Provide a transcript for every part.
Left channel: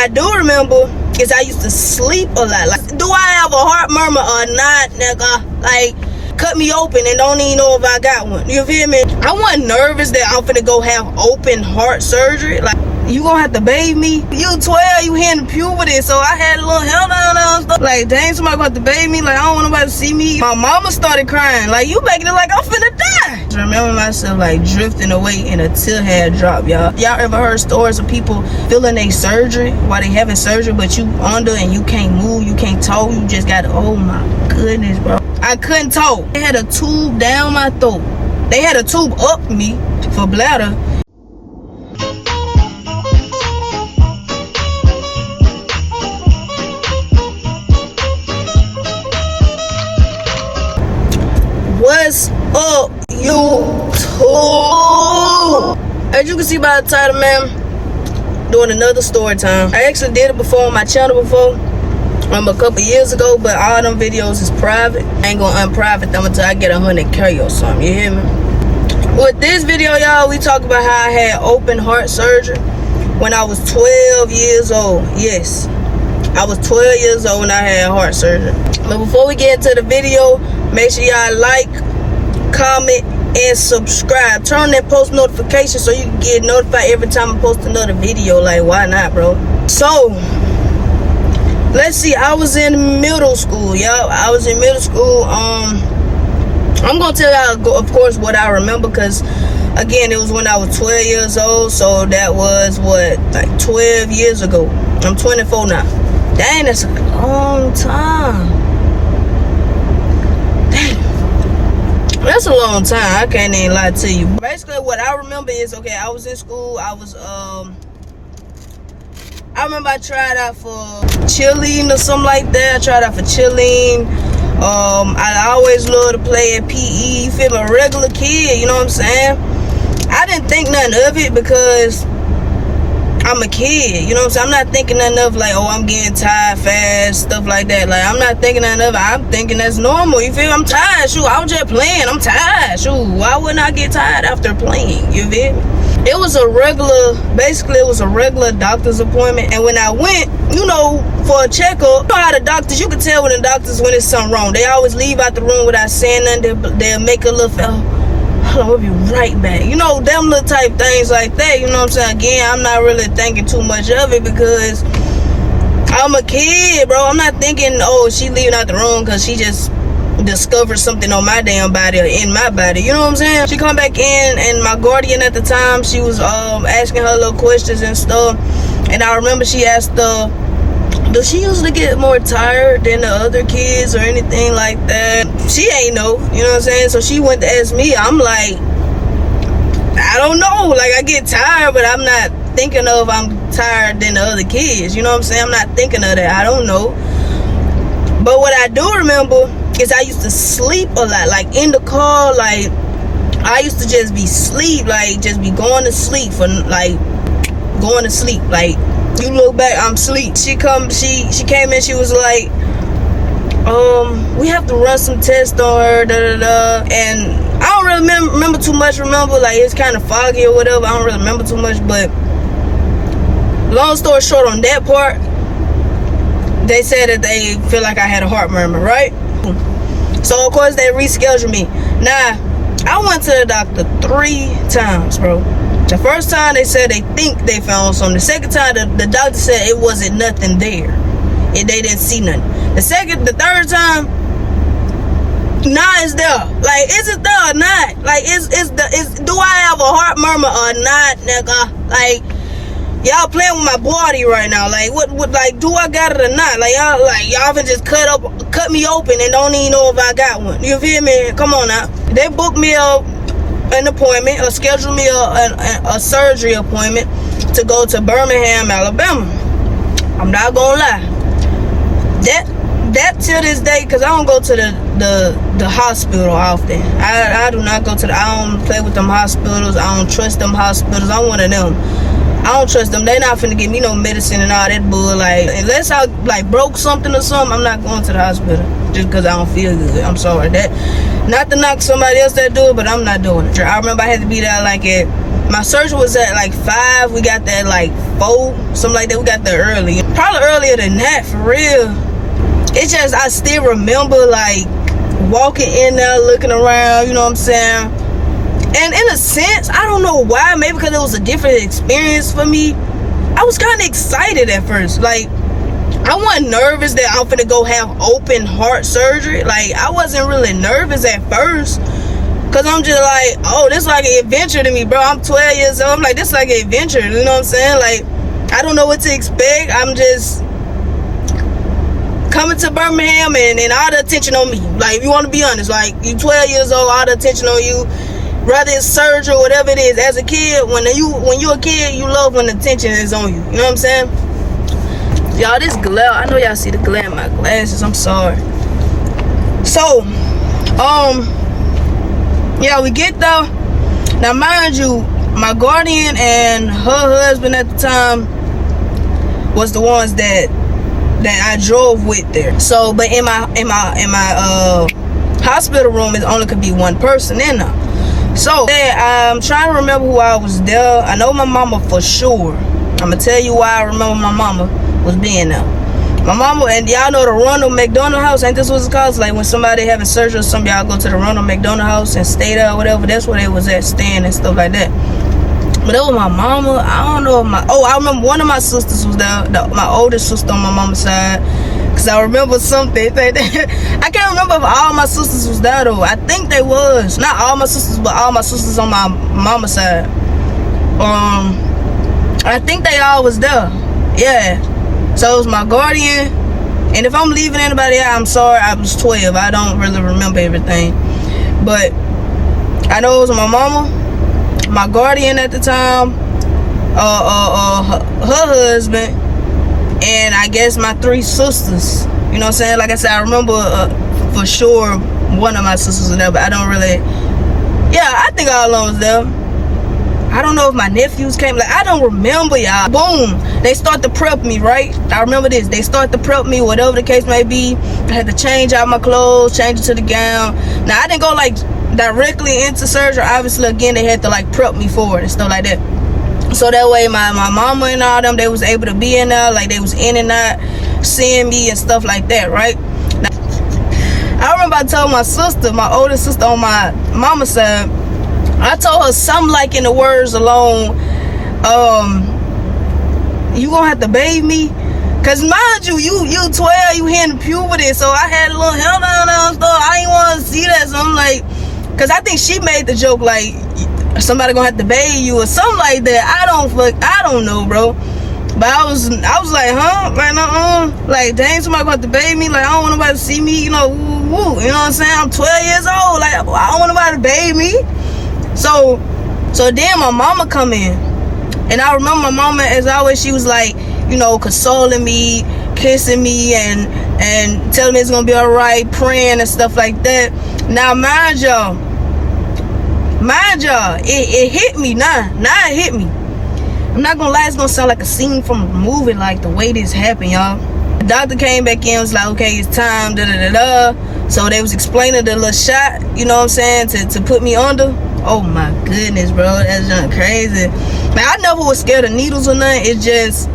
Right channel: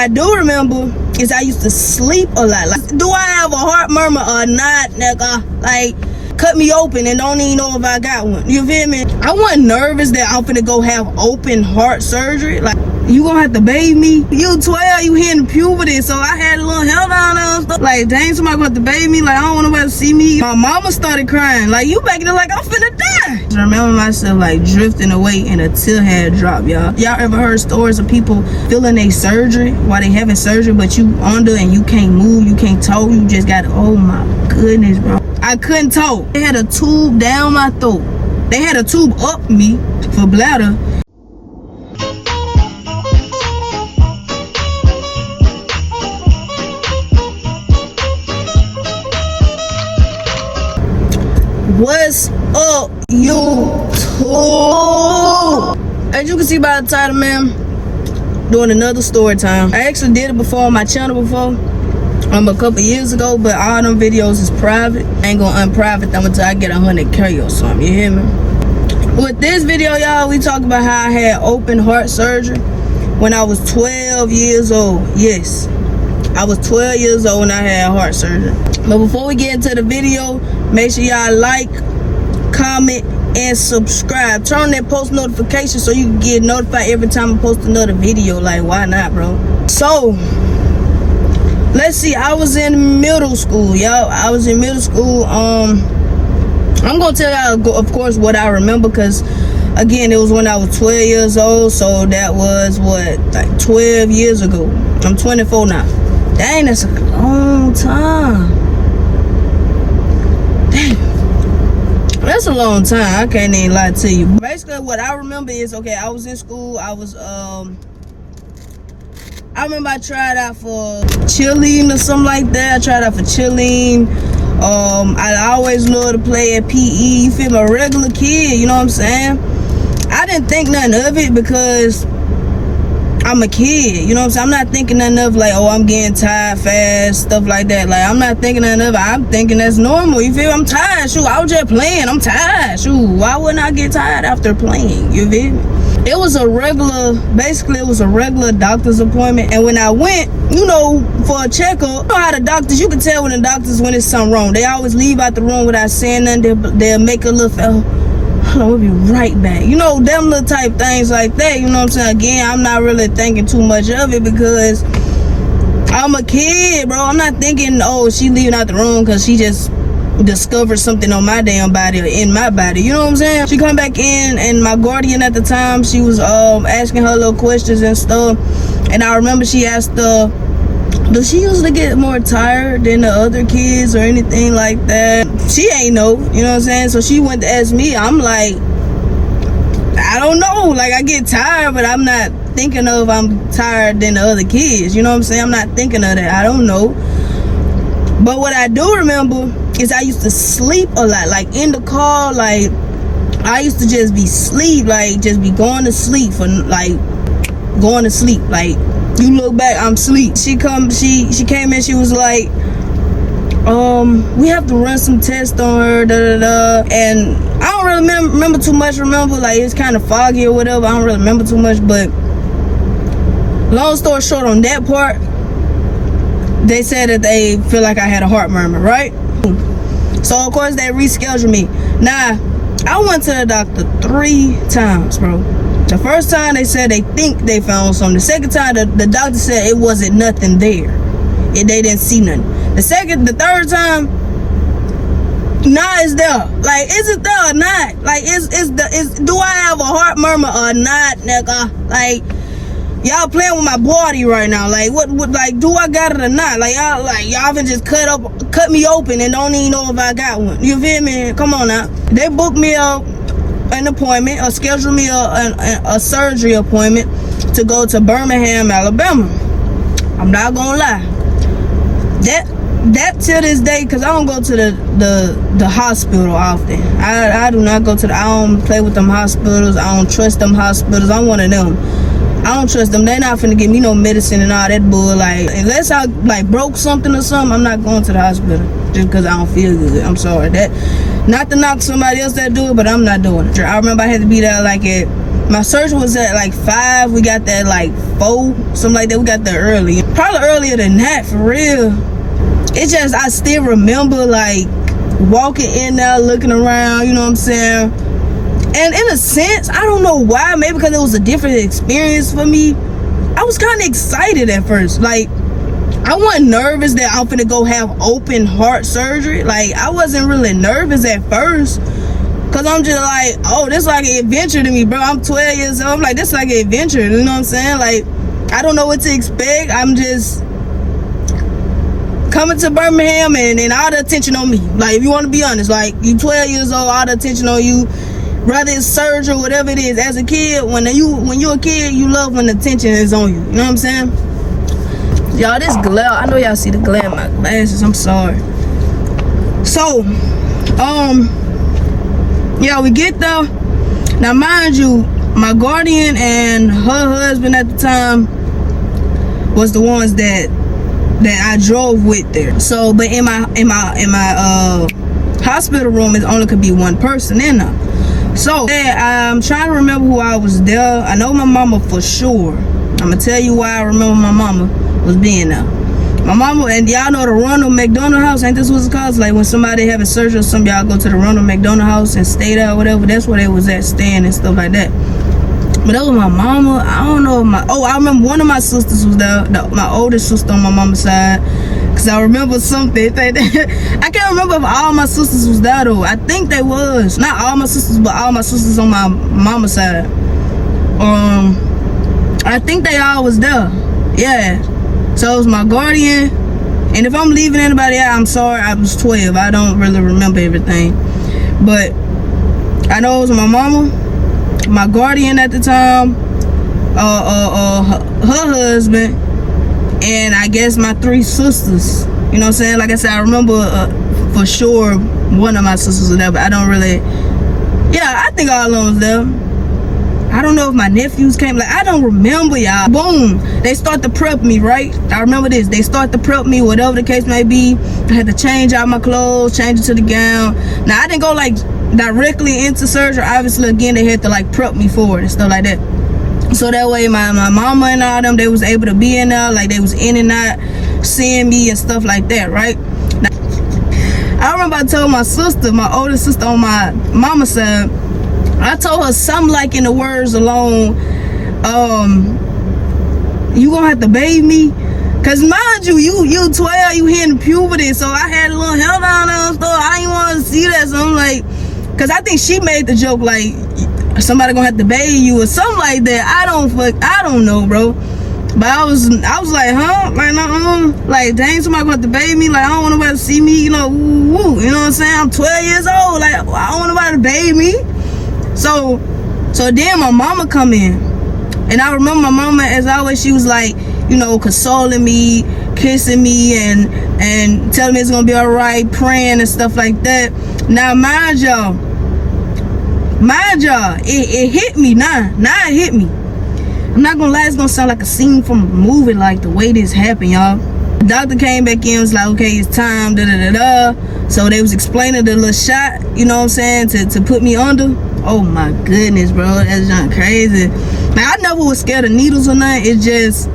I do remember is I used to sleep a lot. Like, do I have a heart murmur or not, nigga? Like, cut me open and don't even know if I got one. You feel me? I wasn't nervous that I'm finna go have open heart surgery. Like, you gonna have to bathe me? You 12, you hitting puberty, so I had a little hell down and stuff. Like, dang, somebody gonna have to bathe me? Like, I don't want nobody to see me. My mama started crying. Like, you making it like I'm finna die. I remember myself, like, drifting away and a tear had dropped, y'all. Y'all ever heard stories of people feeling a surgery while they having surgery, but you under and you can't move, you can't talk, you just got, oh my goodness, bro. I couldn't talk. They had a tube down my throat. They had a tube up me for bladder. What's up, YouTube? As you can see by the title, man, doing another story time. I actually did it before on my channel before, a couple years ago, but all them videos is private. I ain't gonna unprivate them until I get 100K or something, you hear me? With this video, y'all, we talk about how I had open heart surgery when I was 12 years old. Yes, I was 12 years old when I had heart surgery. But before we get into the video, make sure y'all like, comment, and subscribe. Turn on that post notification so you can get notified every time I post another video. Like, why not, bro? So, let's see. I was in middle school, y'all. I was in middle school. I'm gonna tell y'all, of course, what I remember, because again, it was when I was 12 years old. So that was what, like 12 years ago. I'm 24 now. Dang, that's a long time. That's a long time. I can't even lie to you. Basically, what I remember is, okay, I was in school. I remember I tried out for cheerleading or something like that. I tried out for cheerleading. I always loved to play at PE. You feel me? A regular kid, you know what I'm saying? I didn't think nothing of it because I'm a kid, you know what I'm saying? I'm not thinking nothing of like, oh, I'm getting tired fast, stuff like that. Like, I'm not thinking nothing of it. I'm thinking that's normal, you feel? I'm tired, shoot, I was just playing, I'm tired, shoot. Why wouldn't I get tired after playing, you feel? It was a regular, basically it was a regular doctor's appointment. And when I went, you know, for a checkup, you know how the doctors, you can tell when the doctors when it's something wrong. They always leave out the room without saying nothing. They'll make a little, hold on, we'll be right back. You know, them little type things like that, you know what I'm saying? Again, I'm not really thinking too much of it because I'm a kid, bro. I'm not thinking, oh, she leaving out the room because she just discovered something on my damn body or in my body, you know what I'm saying? She come back in, and my guardian at the time, she was asking her little questions and stuff, and I remember she asked does she usually get more tired than the other kids or anything like that? She ain't know, you know what I'm saying? So she went to ask me. I'm like, I don't know. Like, I get tired, but I'm not thinking of I'm tired than the other kids. You know what I'm saying? I'm not thinking of that. I don't know. But what I do remember is I used to sleep a lot. Like, in the car, like, I used to just be sleep. Like, just be going to sleep for, like, going to sleep. Like, you look back, I'm asleep. She came in, she was like, we have to run some tests on her, and I don't really remember too much. Like, it's kind of foggy or whatever. I don't really remember too much, but long story short, on that part, they said that they feel like I had a heart murmur, right? So of course they rescheduled me. Now, I went to the doctor 3 times, bro. The first time they said they think they found something. The second time the doctor said it wasn't nothing there. They didn't see nothing. The third time, nah, it's there. Like, is it there or not? Like, do I have a heart murmur or not, nigga? Like, y'all playing with my body right now. Like, what like, do I got it or not? Like, y'all can just cut me open and don't even know if I got one. You feel me? Come on now. They booked me an appointment or scheduled me a surgery appointment to go to Birmingham, Alabama. I'm not gonna lie. That till this day, because I don't go to the hospital often. I do not go to I don't play with them hospitals. I don't trust them hospitals. I'm one of them. I don't trust them. They're not finna give me no medicine and all that bull. Like, unless I like broke something or something, I'm not going to the hospital just because I don't feel good. I'm sorry. That, not to knock somebody else that do it, but I'm not doing it. I remember I had to be there like at My surgery was at like 5. We got there like 4, something like that. We got there early. Probably earlier than that, for real. It's just, I still remember like walking in there, looking around, you know what I'm saying? And in a sense, I don't know why, maybe because it was a different experience for me, I was kind of excited at first. Like, I wasn't nervous that I'm finna go have open heart surgery. Like, I wasn't really nervous at first, cause I'm just like, oh, this like an adventure to me, bro. I'm 12 years old. I'm like, this like an adventure, you know what I'm saying? Like, I don't know what to expect. I'm just coming to Birmingham and all the attention on me. Like, if you want to be honest, like, you 12 years old, all the attention on you. Whether it's surgery or whatever it is, as a kid, when you're a kid, you love when the attention is on you. You know what I'm saying? Y'all, this glare, I know y'all see the glare in my glasses. I'm sorry. So, yeah, we get there. Now, mind you, my guardian and her husband at the time was the ones that I drove with there. So, but in my hospital room, it only could be one person in there. So, I'm trying to remember who I was there. I know my mama for sure. I'm gonna tell you why I remember my mama was being there. My mama, and y'all know the Ronald McDonald House, ain't this what it's called? Like when somebody having surgery or something, y'all go to the Ronald McDonald House and stay there or whatever. That's where they was at, staying and stuff like that. But that was my mama. I don't know if I remember one of my sisters was there, my oldest sister on my mama's side. Cause I remember something. I can't remember if all my sisters was there though. I think they was. Not all my sisters, but all my sisters on my mama's side. I think they all was there. Yeah. So it was my guardian. And if I'm leaving anybody out, I'm sorry. I was 12. I don't really remember everything. But I know it was my mama, my guardian at the time, her husband, and I guess my 3 sisters. You know what I'm saying? Like I said, I remember for sure one of my sisters was there, but I don't really. Yeah, I think all of them was there. I don't know if my nephews came. Like, I don't remember, y'all. Boom. They start to prep me, right? I remember this. They start to prep me, whatever the case may be. I had to change out my clothes, change it to the gown. Now, I didn't go, like, directly into surgery. Obviously, again, they had to, like, prep me for it and stuff like that. So that way, my mama and all them, they was able to be in there. Like, they was in and out, seeing me and stuff like that, right? Now, I remember I told my sister, my oldest sister on my mama's side, I told her something like in the words alone, you gonna have to bathe me? Cause mind you, you 12, you hitting puberty, so I had a little hair down there and stuff. I didn't want to see that, so I'm like, cause I think she made the joke like, somebody gonna have to bathe you or something like that. I don't know, bro. But I was like, huh? Like, like, dang, somebody gonna have to bathe me? Like, I don't want nobody to see me, you know, woo. You know what I'm saying? I'm 12 years old. Like, I don't want nobody to bathe me. So then my mama come in, and I remember my mama, as always, she was like, you know, consoling me, kissing me, and telling me it's gonna be all right, praying and stuff like that. Now, mind y'all, it hit me now. Now it hit me. I'm not gonna lie, it's gonna sound like a scene from a movie, like the way this happened, y'all. The doctor came back in, was like, okay, it's time, da-da-da-da. So they was explaining the little shot, you know what I'm saying, to put me under. Oh my goodness, bro, that's not crazy. Man, I never was scared of needles or nothing. It's just,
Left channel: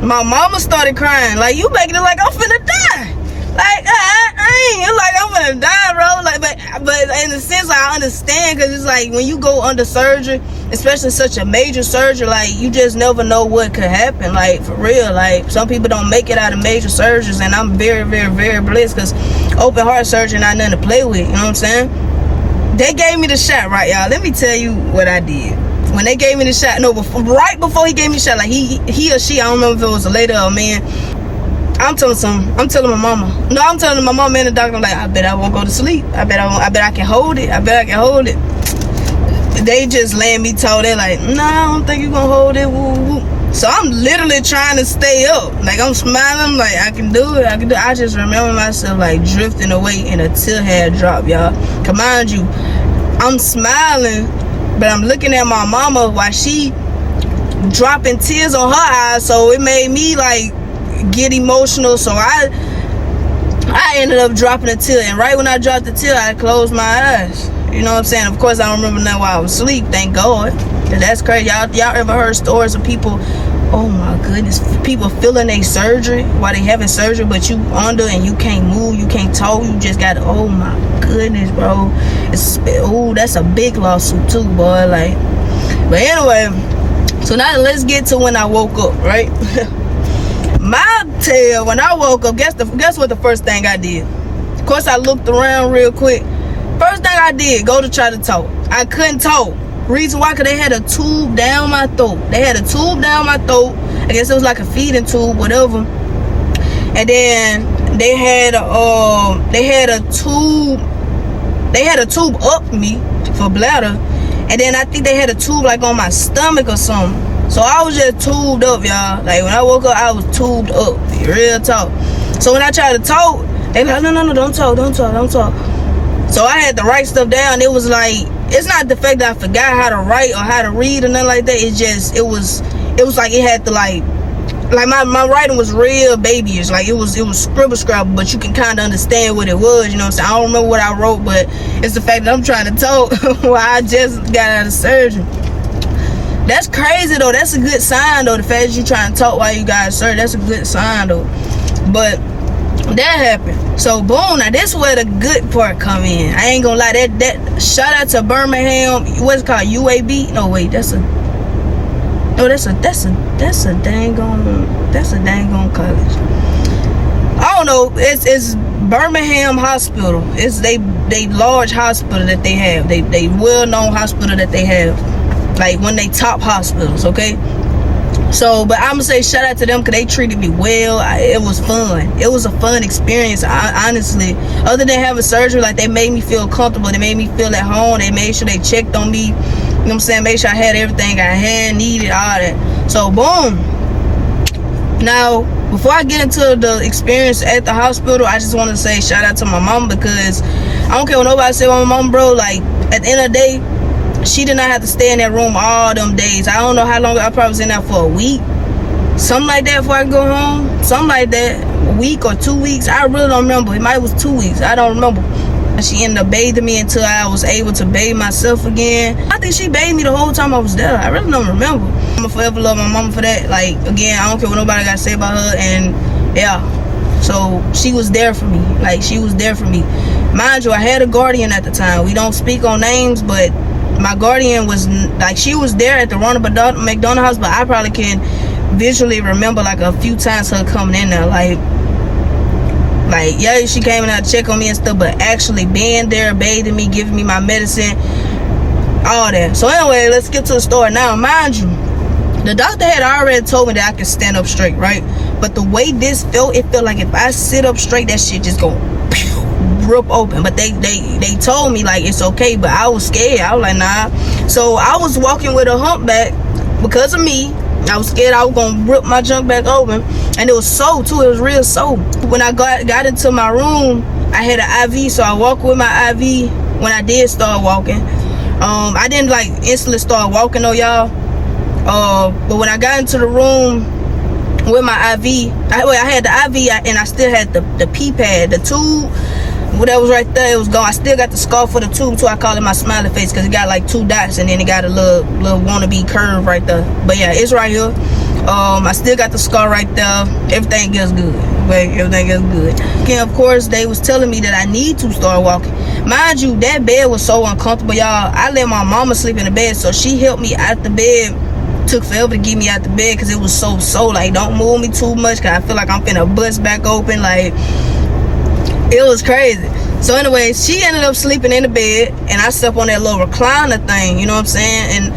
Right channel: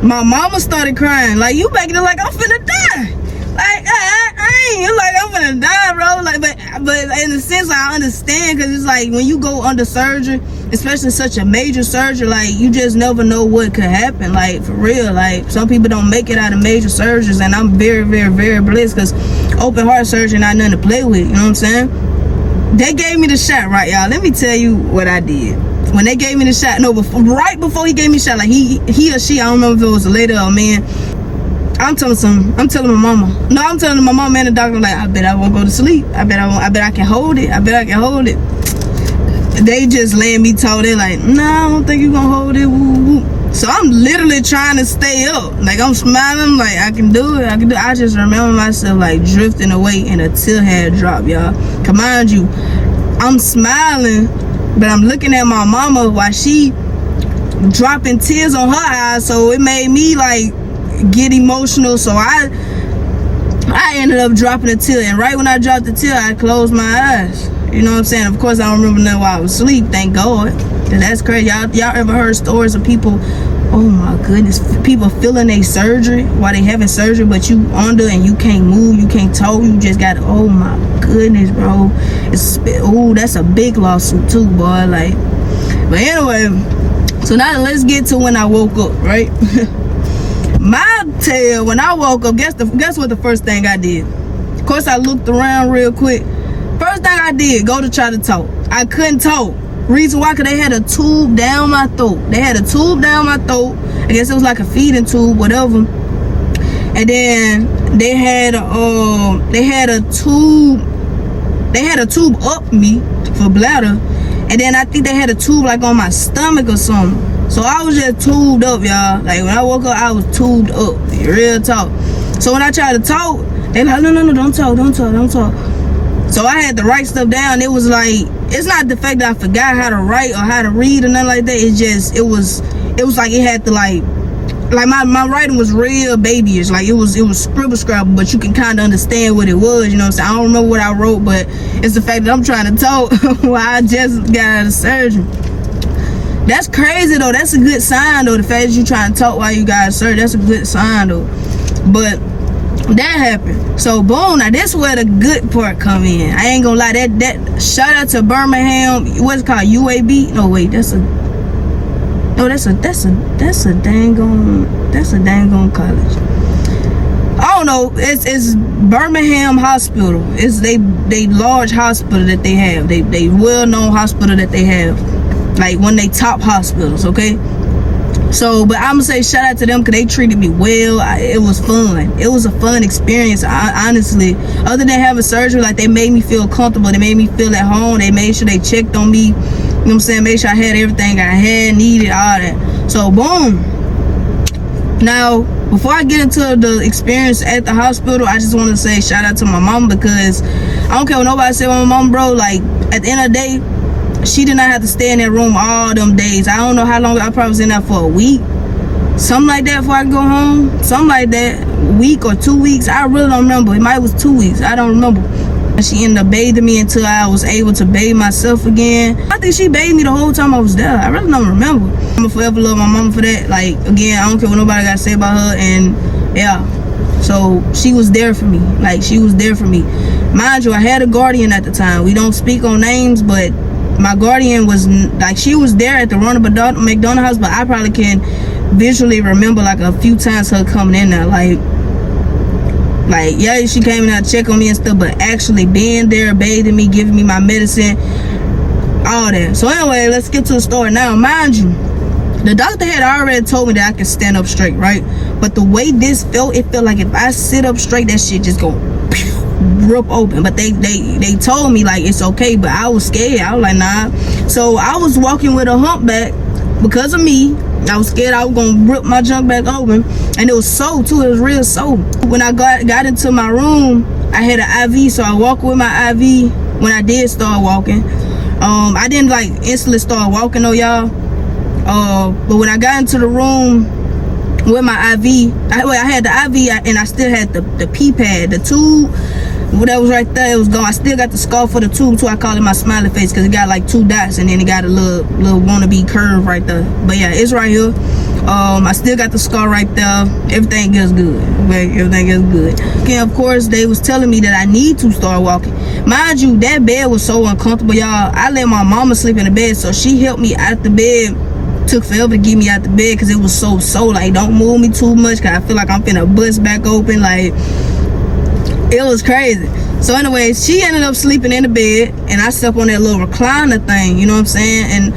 my mama started crying. Like, you making it like I'm finna die. Like, I ain't like I'm finna die, bro. Like, but in a sense, I understand, because it's like when you go under surgery, especially such a major surgery, like, you just never know what could happen. Like, for real, like, some people don't make it out of major surgeries, and I'm very, very, very blessed, because open heart surgery not nothing to play with. You know what I'm saying? They gave me the shot, right, y'all? Let me tell you what I did. When they gave me the shot, right before he gave me the shot, like he or she, I don't remember if it was a lady or a man. I'm telling my mama. No, I'm telling my mama and the doctor, like, I bet I won't go to sleep. I bet I can hold it. They just laying me told, they're like, nah, I don't think you're gonna hold it. Woo, woo. So I'm literally trying to stay up. Like, I'm smiling, like, I can do it. I just remember myself, like, drifting away, and a tear had dropped, y'all. Cause mind you, I'm smiling, but I'm looking at my mama while she dropping tears on her eyes. So it made me, like, get emotional. So I ended up dropping a tear. And right when I dropped the tear, I closed my eyes. You know what I'm saying? Of course, I don't remember nothing while I was asleep, thank God. And that's crazy. Y'all ever heard stories of people, oh my goodness, people feeling their surgery while they having surgery, but you under and you can't move, you can't talk, you just got, oh my goodness, bro. That's a big lawsuit too, boy. Like, but anyway, so now let's get to when I woke up, right? My tale, when I woke up, guess what the first thing I did? Of course, I looked around real quick. First thing I did, go to try to talk. I couldn't talk. Reason why? Because they had a tube down my throat. They had a tube down my throat. I guess it was like a feeding tube, whatever. And then they had a tube up me for bladder. And then I think they had a tube like on my stomach or something. So I was just tubed up, y'all. Like when I woke up, I was tubed up. Real talk. So when I tried to talk, they like, no, don't talk. So I had to write stuff down. It was like, it's not the fact that I forgot how to write or how to read or nothing like that. It's just, it was like it had to like my writing was real babyish. Like it was scribble scrabble, but you can kind of understand what it was. You know what I'm saying? I don't remember what I wrote, but it's the fact that I'm trying to talk while I just got out of surgery. That's crazy though. That's a good sign though. The fact that you trying to talk while you got surgery, that's a good sign though. But that happened. So boom, now this where the good part come in. I ain't gonna lie, that shout out to Birmingham, what's it called, UAB? No wait, that's a dang on college. I don't know, it's Birmingham Hospital. It's they large hospital that they have. They well-known hospital that they have. Like one of they top hospitals, okay? So, but I'm gonna say shout out to them because they treated me well. It was fun. It was a fun experience, honestly. Other than having surgery, like they made me feel comfortable. They made me feel at home. They made sure they checked on me. You know what I'm saying? Make sure I had everything I had, needed, all that. So, boom. Now, before I get into the experience at the hospital, I just want to say shout out to my mom because I don't care what nobody say about my mom, bro. Like, at the end of the day, she did not have to stay in that room all them days. I don't know how long. I probably was in there for a week. Something like that before I go home. Something like that. A week or 2 weeks. I really don't remember. It might was 2 weeks. I don't remember. She ended up bathing me until I was able to bathe myself again. I think she bathed me the whole time I was there. I really don't remember. I'm gonna forever love my mama for that. Like, again, I don't care what nobody got to say about her. And, yeah. So, she was there for me. Like, she was there for me. Mind you, I had a guardian at the time. We don't speak on names, but my guardian was like, she was there at the Ronald McDonald house, but I probably can visually remember like a few times her coming in there. Like yeah, she came in there to check on me and stuff, but actually being there, bathing me, giving me my medicine, all that. So anyway, let's get to the story. Now, mind you, the doctor had already told me that I could stand up straight, right? But the way this felt, it felt like if I sit up straight, that shit just go rip open. But they told me like it's okay, but I was scared. I was like, nah. So I was walking with a humpback because of me. I was scared I was gonna rip my junk back open, and it was sore too. It was real sore. When I got into my room, I had an IV, so I walked with my IV. When I did start walking, I didn't like instantly start walking though, y'all. But when I got into the room with my IV, I had the IV and I still had the pee pad, the tube. That was right there, it was gone. I still got the scar for the tube too. I call it my smiley face because it got like 2 dots and then it got a little wannabe curve right there. But yeah, it's right here. I still got the scar right there. Everything is good. Okay, everything is good. Again, of course, they was telling me that I need to start walking. Mind you, that bed was so uncomfortable, y'all. I let my mama sleep in the bed, so she helped me out the bed. Took forever to get me out the bed because it was so like, don't move me too much because I feel like I'm finna bust back open. Like, it was crazy. So anyway, she ended up sleeping in the bed and I slept on that little recliner thing, you know what I'm saying?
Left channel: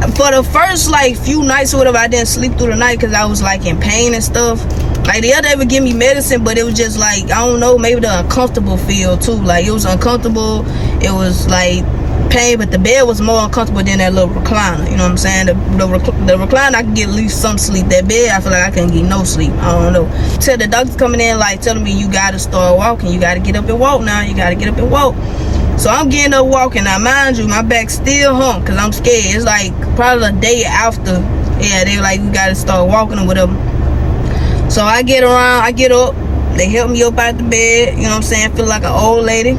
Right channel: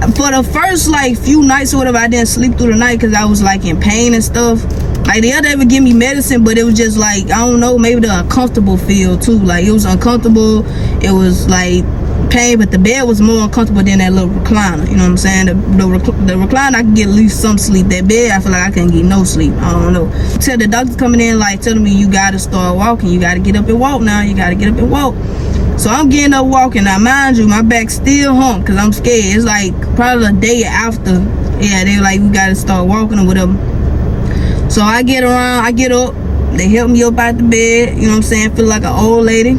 And for the first like few nights or whatever, I didn't sleep through the night because I was like in pain and stuff. Like the other day would give me medicine, but it was just like, I don't know, maybe the uncomfortable feel too. Like it was uncomfortable, it was like pain, but the bed was more uncomfortable than that little recliner, you know what I'm saying? The recliner, I could get at least some sleep. That bed, I feel like I couldn't get no sleep. I don't know. Till the doctor's coming in like telling me, you gotta start walking, you gotta get up and walk now, you gotta get up and walk. So I'm getting up walking. Now mind you, my back still hump because I'm scared. It's like probably a day after, yeah, they like, we gotta start walking or whatever. So I get around, I get up, they help me up out the bed, you know what I'm saying? Feel like an old lady.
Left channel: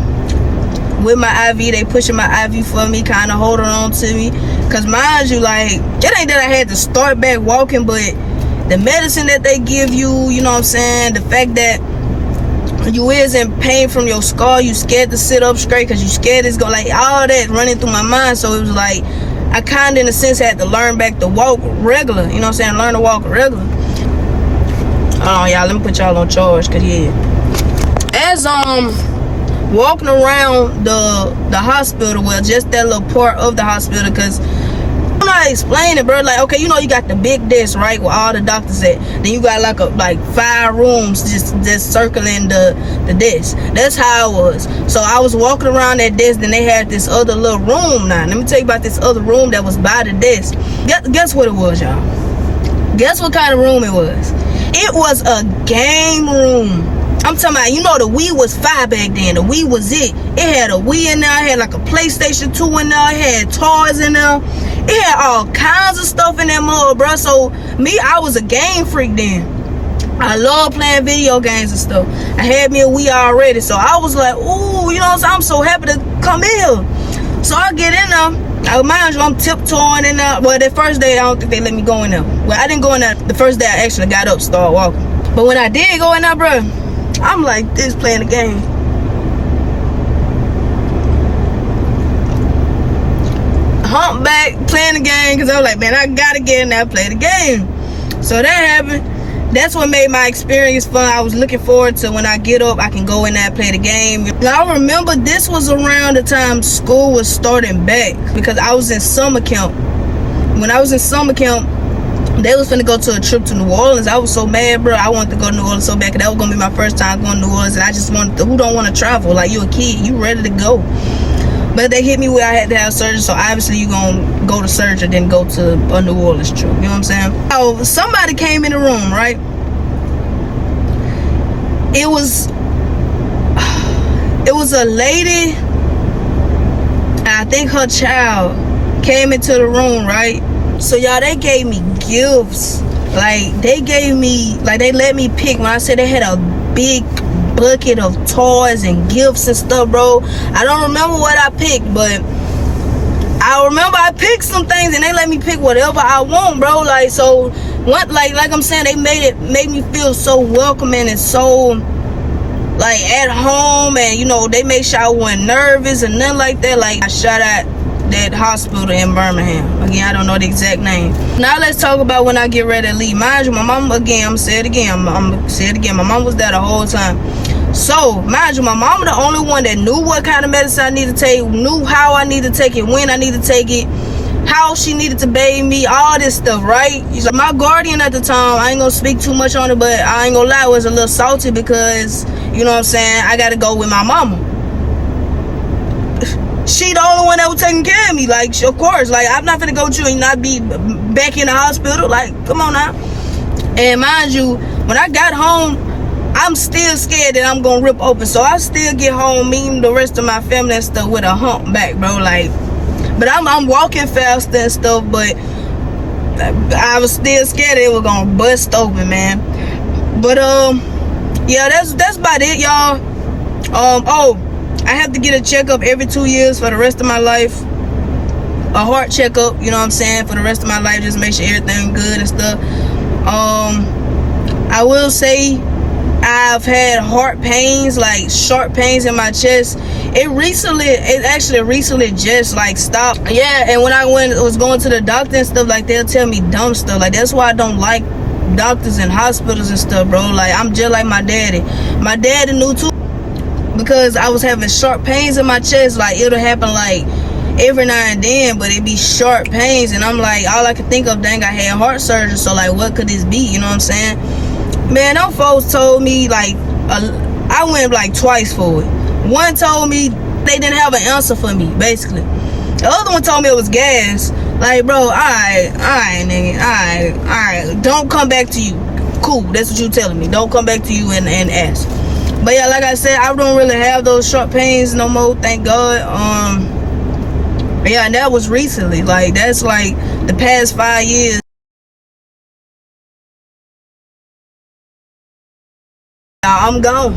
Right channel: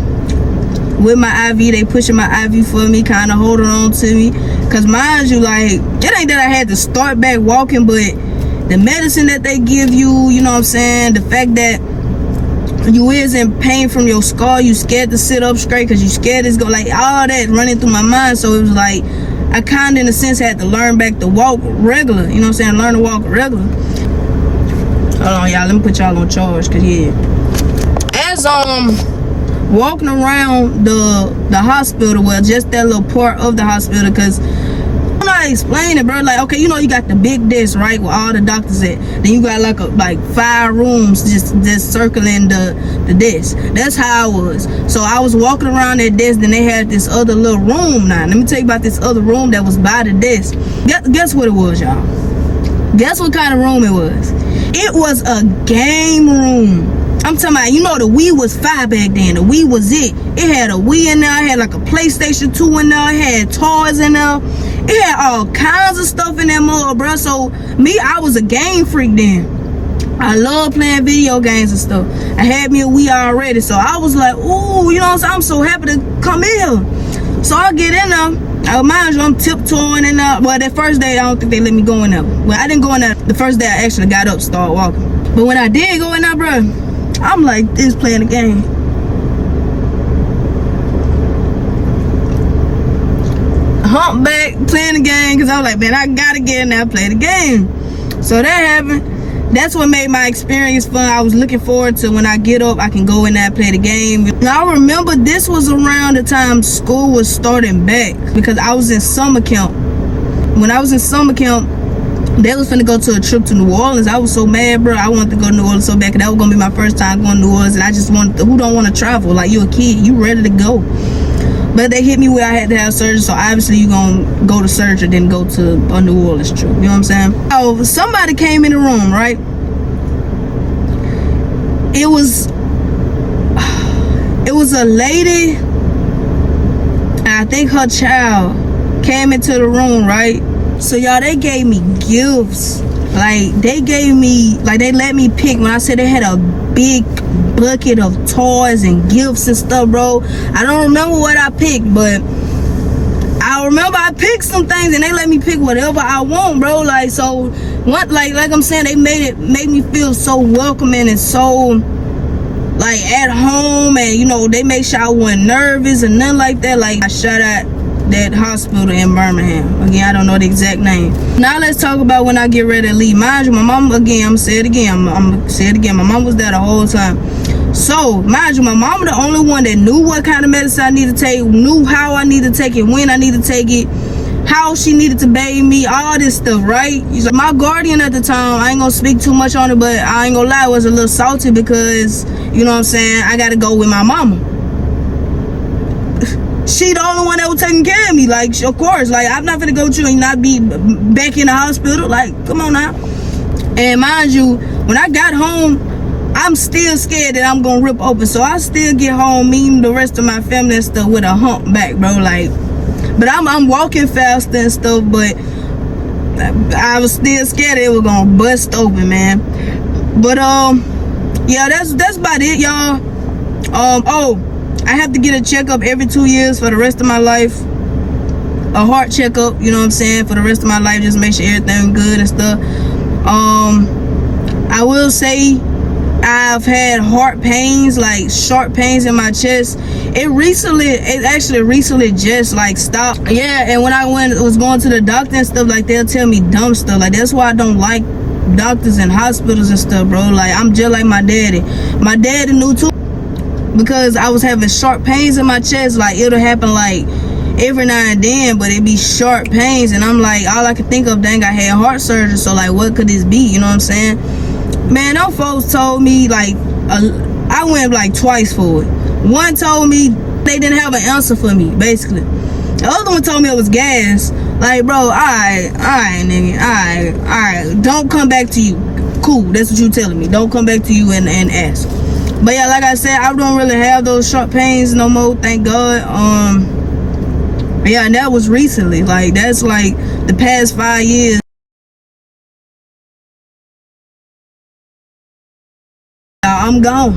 with my IV. They pushing my IV for me, kind of holding on to me. Cause mind you, like, it ain't that I had to start back walking, but the medicine that they give you, you know what I'm saying? The fact that you is in pain from your skull, you scared to sit up straight because you scared it's going, like, all that running through my mind. So it was like, I kind of, in a sense, had to learn back to walk regular. You know what I'm saying? Learn to walk regular. Hold on, y'all. Let me put y'all on charge, cause yeah. As walking around the hospital, well, just that little part of the hospital, cause I'm not explaining, bro. Like, okay, you know, you got the big desk, right, where all the doctors at. Then you got like 5 rooms just circling the desk. That's how it was. So I was walking around that desk, then they had this other little room. Now, let me tell you about this other room that was by the desk. Guess what it was, y'all? Guess what kind of room it was? It was a game room. I'm talking about, you know, the Wii was 5 back then. The Wii was it. It had a Wii in there. It had like a PlayStation 2 in there. It had toys in there. It had all kinds of stuff in that mall, bro. So me, I was a game freak then. I love playing video games and stuff. I had me a Wii already. So I was like, ooh, you know what I'm saying? I'm so happy to come in here. So I get in there. Mind you, I'm tiptoeing in there. Well, that first day, I don't think they let me go in there. Well, I didn't go in there the first day I actually got up, started walking. But when I did go in there, bro, I'm like this playing the game. Humpback playing the game, because I was like, man, I gotta get in there and play the game. So that happened. That's what made my experience fun. I was looking forward to when I get up, I can go in there and play the game. Now, I remember this was around the time school was starting back, because I was in summer camp. When I was in summer camp, they was finna go to a trip to New Orleans. I was so mad, bro. I wanted to go to New Orleans so bad, because that was gonna be my first time going to New Orleans, and I just wanted to, who don't want to travel? Like, you a kid, you ready to go. But they hit me where I had to have surgery, so obviously you gonna go to surgery, then go to a New Orleans trip. You know what I'm saying? So somebody came in the room, right? It was a lady. I think her child came into the room, right? So y'all, they gave me gifts. Like, they gave me, like, they let me pick. When I said they had a big bucket of toys and gifts and stuff, bro. I don't remember what I picked, but I remember I picked some things, and they let me pick whatever I want, bro. Like, so what, like I'm saying, they made me feel so welcoming and so like at home, and you know, they made sure I wasn't nervous and nothing like that. Like, I shot at that hospital in Birmingham. Again, I don't know the exact name. Now let's talk about when I get ready to leave. Mind you, my mom, again, I'm gonna say it again, my mom was there the whole time. So, mind you, my mama the only one that knew what kind of medicine I need to take, knew how I need to take it, when I need to take it, how she needed to bathe me, all this stuff, right? Like, my guardian at the time, I ain't gonna speak too much on it, but I ain't gonna lie, was a little salty because, you know what I'm saying, I gotta go with my mama. She the only one that was taking care of me. Like, of course, like, I'm not gonna go with you and not be back in the hospital. Like, come on now. And mind you, when I got home, I'm still scared that I'm gonna rip open. So I still get home, meeting the rest of my family and stuff with a humpback, bro. Like, but I'm walking faster and stuff, but I was still scared it was gonna bust open, man. But yeah, that's about it, y'all. Oh, I have to get a checkup every 2 years for the rest of my life. A heart checkup, you know what I'm saying, for the rest of my life, just make sure everything good and stuff. I will say I've had heart pains, like sharp pains in my chest. It actually recently just like stopped. Yeah, and when I was going to the doctor and stuff, like, they'll tell me dumb stuff. Like, that's why I don't like doctors and hospitals and stuff, bro. Like, I'm just like my daddy. My daddy knew too, because I was having sharp pains in my chest. Like, it'll happen like every now and then, but it be sharp pains, and I'm like, all I could think of, dang, I had heart surgery, so like, what could this be? You know what I'm saying? Man, them folks told me, like, I went like twice for it. One told me they didn't have an answer for me, basically. The other one told me it was gas. Like, bro, alright, nigga, alright, don't come back to you. Cool, that's what you telling me. Don't come back to you and ask. But yeah, like I said, I don't really have those sharp pains no more, thank God. Yeah, and that was recently. Like, that's like the past 5 years. I'm gone.